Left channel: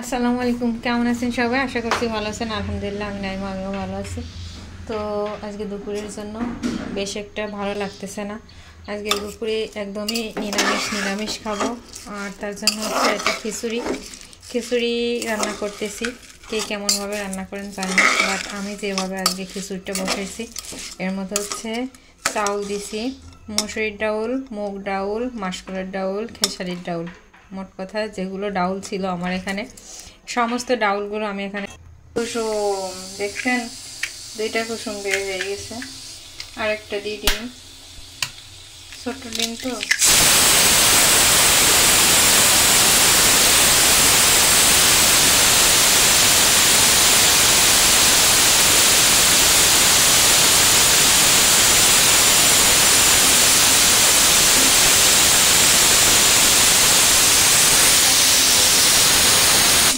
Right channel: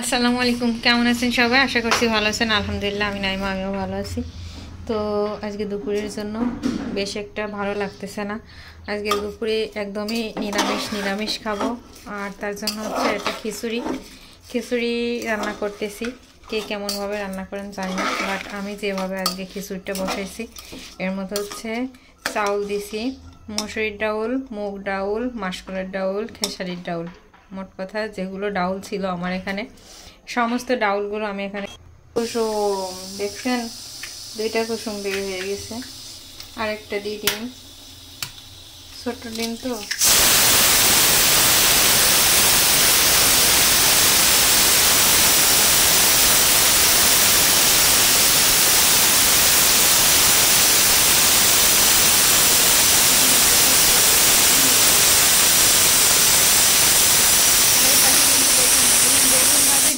আসসালামু আলাইকুম, কেমন আছেন সবাই? আশা করছি ভালো আছেন। আলহামদুলিল্লাহ আমি নাইমা, আমিও ভালো আছি। তো আজকে দুপুরের জন্য বেশ একটা ভালো লাগতেছে না। আজকে দুপুরে একদমই নিরামিষ খাবো। আর তার জন্য হচ্ছে একটা খিচুড়ি রান্না করতেছি। কে কেমনভাবে রান্না করেন জানি না, বাট আমি যেভাবে আজকে খিচুড়িটা বসাইছি এর মধ্যে হচ্ছে চাউল দিছি, মসুরির ডাউল, মুগ ডাউল, মাসকলাইর ডাউল, খেসারির ডাউল, মোট কথা যেগুলো ডাউল ছিল আমার এখানে সমস্ত ডাউলগুলো আমি এখানে কুসুম দেখছেন, 2টা কুসুম বের হয়ে গেছে। আর একটা দিয়ে ডিম, ছোট্ট ডিম তো।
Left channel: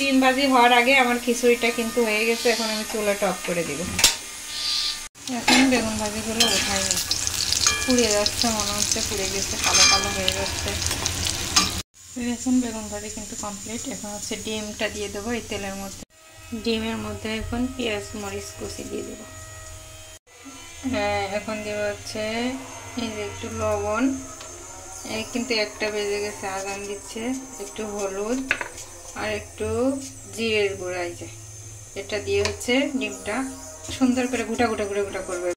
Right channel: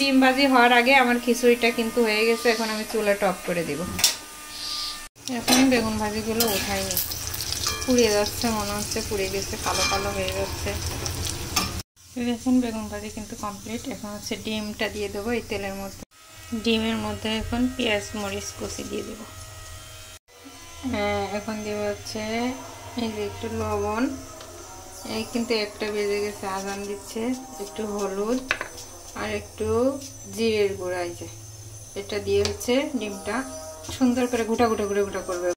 ডিম ভাজি হওয়ার আগে আমার খিচুড়িটা কিন্তু হয়ে গেছে। এখন আমি চুলাটা অফ করে দিব। এখন বেগুন ভাজিগুলো উঠাই নি, পুড়ে যাচ্ছে, মনে হচ্ছে পুড়ে গেছে, কালো কালো হয়ে যাচ্ছে। এখন বেগুন ভাজি কিন্তু কমপ্লিট। এখন হচ্ছে ডিমটা দিয়ে দেবো এই তেলের মধ্যে। ডিমের মধ্যে এখন পেঁয়াজ মরিচ কুচি দিয়ে দেবো। এখন দেবো হচ্ছে এই যে একটু লবণ, এই কিন্তু একটা বেজে গেছে, আজান দিচ্ছে। একটু হলুদ আর একটু জিরের গুঁড়া, এই যে এটা দিয়ে হচ্ছে ডিমটা সুন্দর করে গুটা করবে।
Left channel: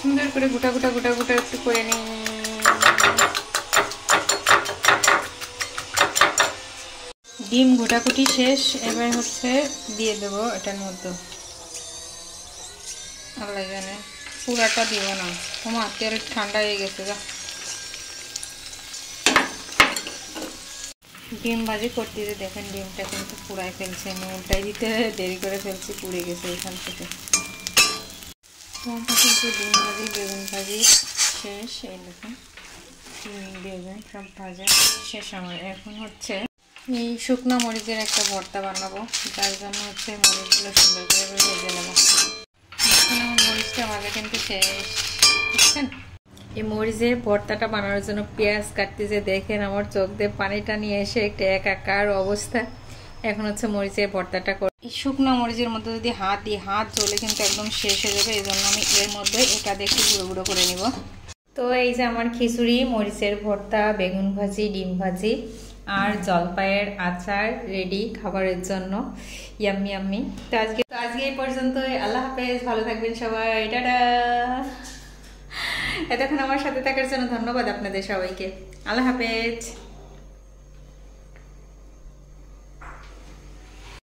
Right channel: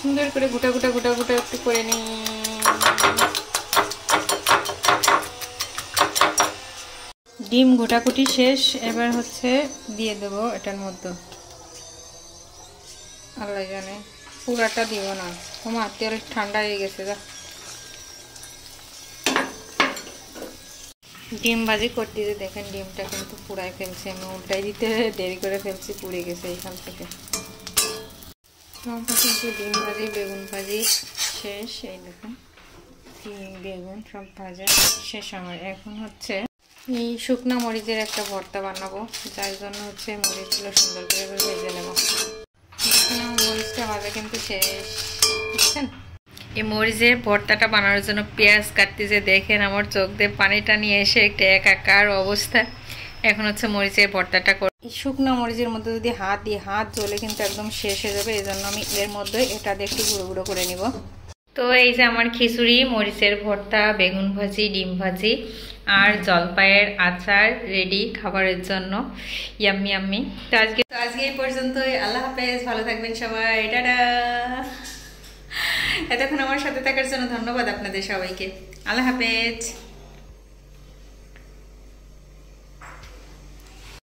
সুন্দর করে গুটা একটু করে নিই। ডিম ঘোটাকুটি শেষ। এবার হচ্ছে দিয়ে দেবো এটার মধ্যে। আল্লাহ জানে, পুরাটা দিব না, তোমার তেল ঠান্ডা হয়ে গেছে। যা ডিম ভাজি করতে যে দেখেন ডিমটা কিন্তু পুড়াই ফেলছে, আমি উল্টাই দিতে দেরি করে ফেলছি, পুড়ে গেছে এখান থেকে। কিন্তু ডিম ভাজি বেগুন ভাজি শেষ। এই দেখুন ডিম বেগুন সব ভাজা শেষ আমার। এখন হচ্ছে এই শুকনো মরিচের একটা ভর্তা বানাবো, যার জন্য হচ্ছে মরিচগুলো সুন্দর করে ভেজে নেবো। আমার মরিচটা ভাজা কিন্তু শেষ, বুঝছেন? এই মরিচের ভর্তাটা বানানোর জন্য পেঁয়াজ কাটতেছে, দেখেন আমার চোখ দিয়ে পানিটা নিয়ে এসে একটা একাকার অবস্থা। এখন হচ্ছে মরিচের ভর্তাটা এই শুকনো মরিচের মধ্যে যদি হাত জ্বলে কিন্তু একদম শেষ হয়ে যাবে। এই জন্য আমি এর মধ্যে এটা দিয়ে একটু গুঁড়ো করে নিব। তো এই যে আমার খিচুড়ি, মরিচের ভর্তা, বেগুন ভাজি, ডিম ভাজি আর জলপাইয়ের আচার রেডি খাবারের জন্য। ইয়াম্মি। তো আজকে এই পর্যন্তই। আল্লাহ হাফেজ, ভালো থাকবেন সবাই, টাটা। এতক্ষণ আমার সাথে থাকার জন্য ধন্যবাদ আপনাদের সবাইকে। আল্লাহ হাফেজ।